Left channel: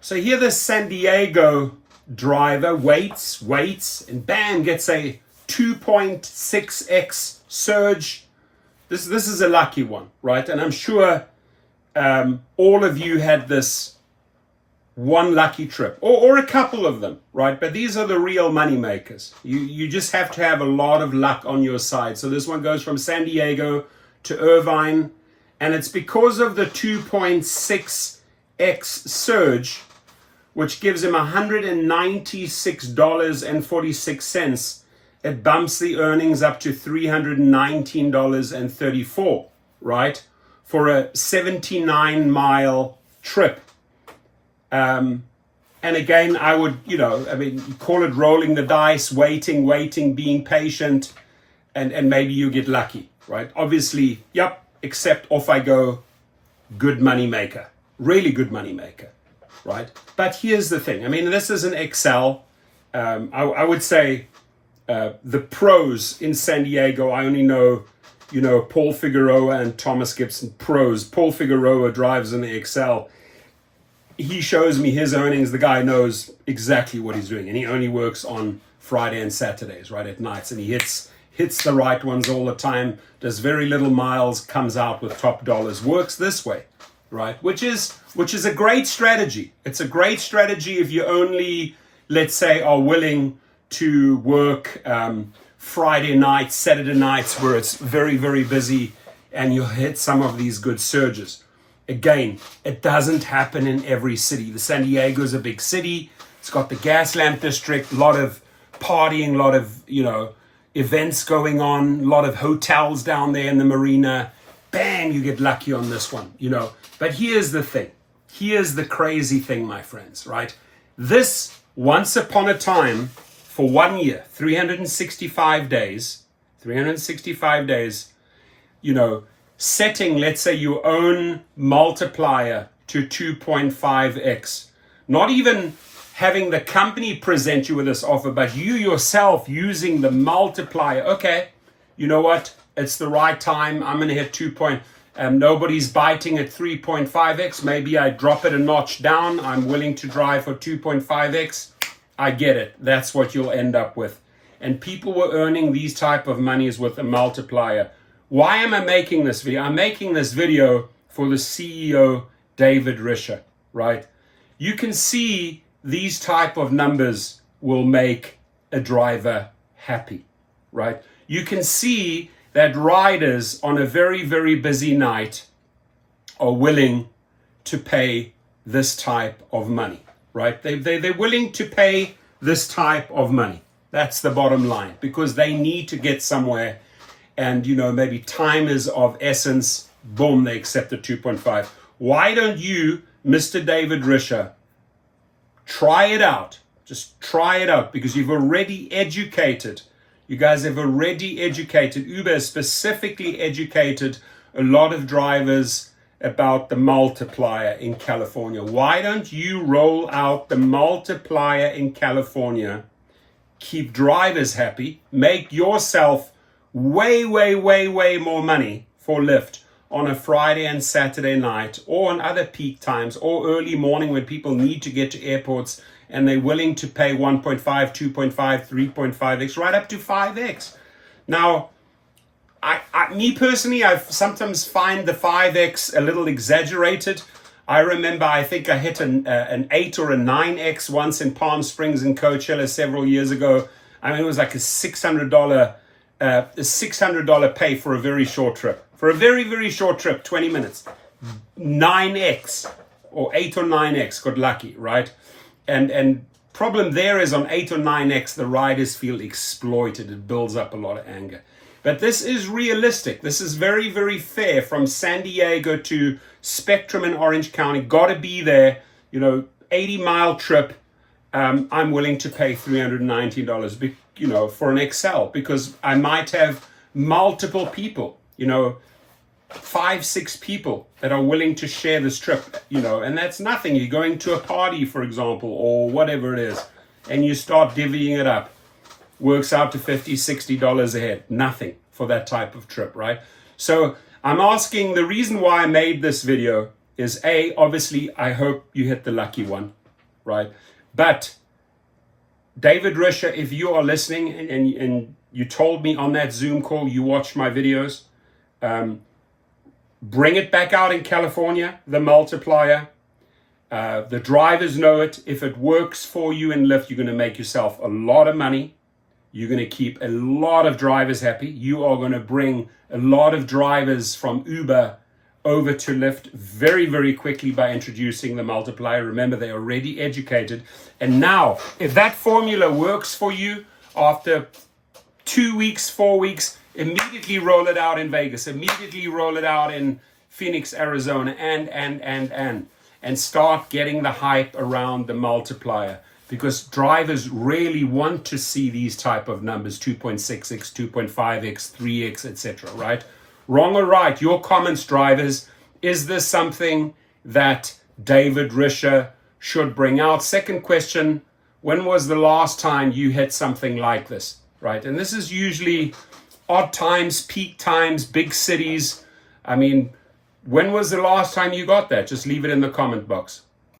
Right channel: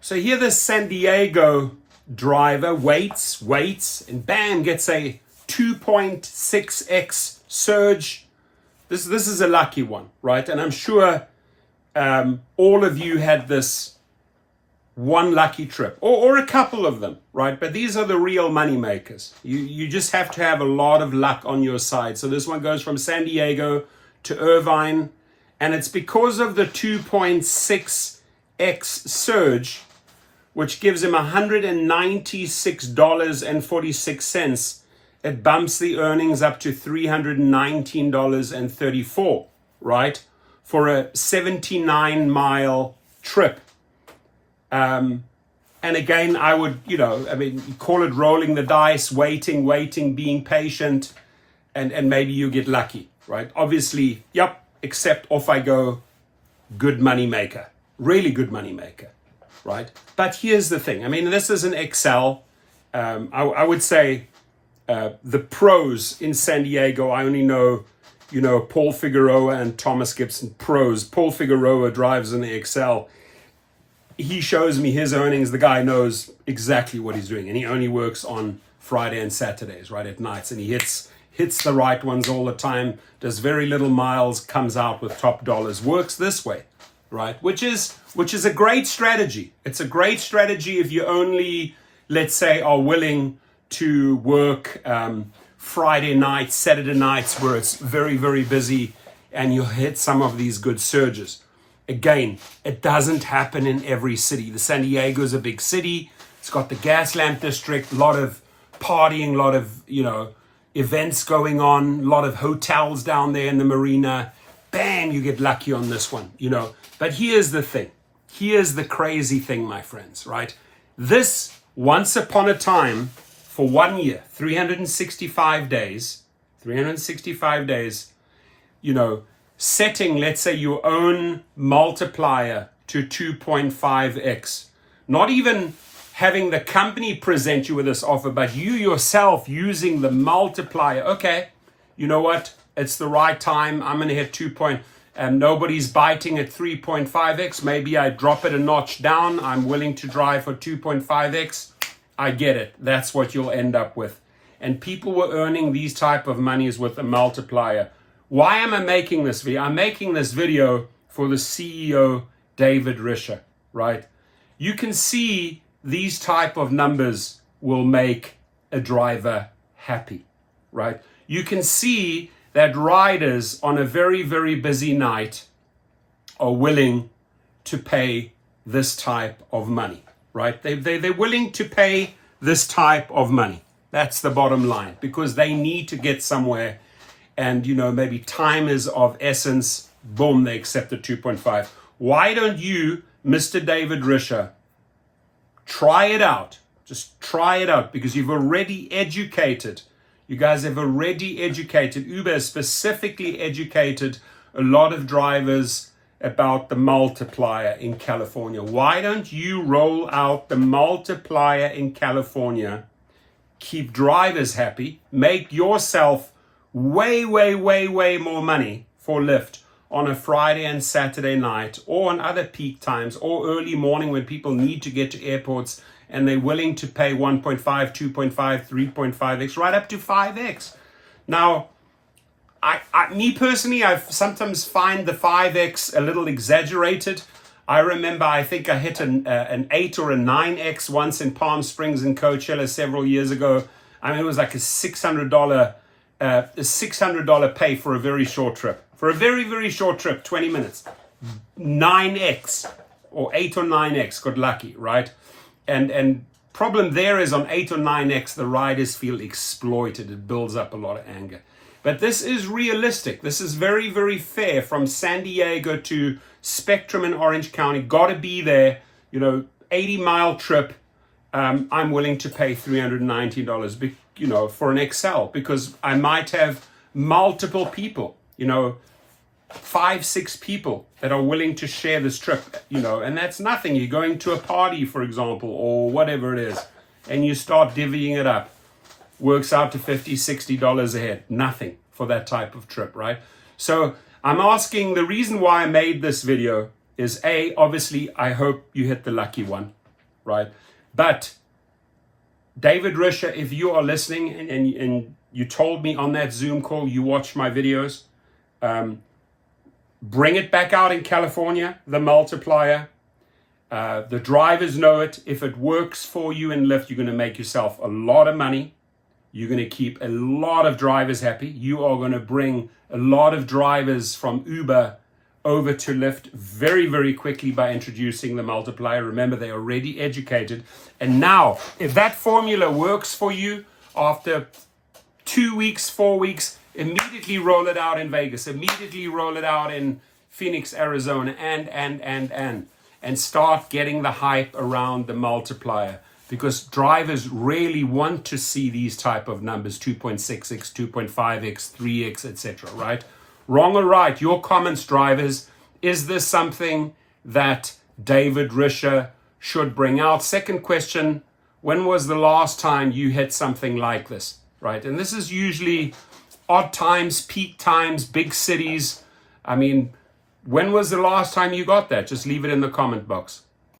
So here this San Diego driver waits, and bam, gets a 2.6x surge. This is a lucky one, right? And I'm sure all of you had this one lucky trip, or a couple of them, right? But these are the real money makers. You just have to have a lot of luck on your side. So this one goes from San Diego to Irvine, and it's because of the 2.6x surge, which gives him $196.46. It bumps the earnings up to $319.34, right? For a 79-mile trip. And again, I would, you call it rolling the dice, waiting, being patient, and maybe you get lucky, right? Obviously, except off I go, good money maker, really good money maker, right? But here's the thing. I mean, this is an Excel. I would say the pros in San Diego, I only know, Paul Figueroa and Thomas Gibson, pros. Paul Figueroa drives in the Excel. He shows me his earnings. The guy knows exactly what he's doing, and he only works on Friday and Saturdays, right, at nights, and he hits the right ones all the time, does very little miles, comes out with top dollars, works this way, right, which is a great strategy. It's a great strategy if you only, let's say, are willing to work Friday nights, Saturday nights, where it's very, very busy, and you hit some of these good surges. Again, it doesn't happen in every city. The San Diego is a big city. It's got the gas lamp district, a lot of partying, a lot of, events going on, a lot of hotels down there in the marina. Bang, you get lucky on this one, But here's the thing. Here's the crazy thing, my friends, right? This, once upon a time, for 1 year, 365 days, setting, let's say, your own multiplier to 2.5x, not even having the company present you with this offer, but you yourself using the multiplier. Okay, you know what? It's the right time. I'm going to hit 2. Nobody's biting at 3.5x. Maybe I drop it a notch down. I'm willing to drive for 2.5x. I get it. That's what you'll end up with. And people were earning these type of monies with a multiplier. Why am I making this video? I'm making this video for the CEO, David Risher, right? You can see these type of numbers will make a driver happy, right? You can see that riders on a very, very busy night are willing to pay this type of money, right? They're willing to pay this type of money. That's the bottom line, because they need to get somewhere. And, maybe time is of essence. Boom, they accept the 2.5. Why don't you, Mr. David Risher, try it out? Just try it out, because you've already educated. You guys have already educated. Uber has specifically educated a lot of drivers about the multiplier in California. Why don't you roll out the multiplier in California? Keep drivers happy. Make yourself way more money for Lyft on a Friday and Saturday night, or on other peak times, or early morning when people need to get to airports and they're willing to pay 1.5, 2.5, 3.5x, right up to 5x. Now, me personally, I sometimes find the 5x a little exaggerated. I remember, I think I hit an 8 or a 9x once in Palm Springs in Coachella several years ago. I mean, it was like a $600 pay for a very short trip. For a very, very short trip, 20 minutes. 9x or 8 or 9x, got lucky, right? And problem there is on 8 or 9x, the riders feel exploited. It builds up a lot of anger. But this is realistic. This is very, very fair. From San Diego to Spectrum in Orange County, got to be there, 80-mile trip. I'm willing to pay $319, for an Excel, because I might have multiple people, 5-6 people that are willing to share this trip, and that's nothing. You're going to a party, for example, or whatever it is, and you start divvying it up. Works out to $50-$60 a head. Nothing for that type of trip, right? So I'm asking, the reason why I made this video is, A, obviously, I hope you hit the lucky one. right? But David Risher, if you are listening and you told me on that Zoom call, you watched my videos, bring it back out in California, the multiplier. The drivers know it. If it works for you in Lyft, you're going to make yourself a lot of money. You're going to keep a lot of drivers happy. You are going to bring a lot of drivers from Uber over to Lyft very, very quickly by introducing the multiplier. Remember, they're already educated. And now, if that formula works for you after 2 weeks, 4 weeks, immediately roll it out in Vegas, immediately roll it out in Phoenix, Arizona, and start getting the hype around the multiplier, because drivers really want to see these type of numbers, 2.6x, 2.5x, 3x, etc., right? Wrong or right, your comments, drivers. Is this something that David Risher should bring out? Second question, when was the last time you hit something like this, right? And this is usually odd times, peak times, big cities. I mean, when was the last time you got that? Just leave it in the comment box.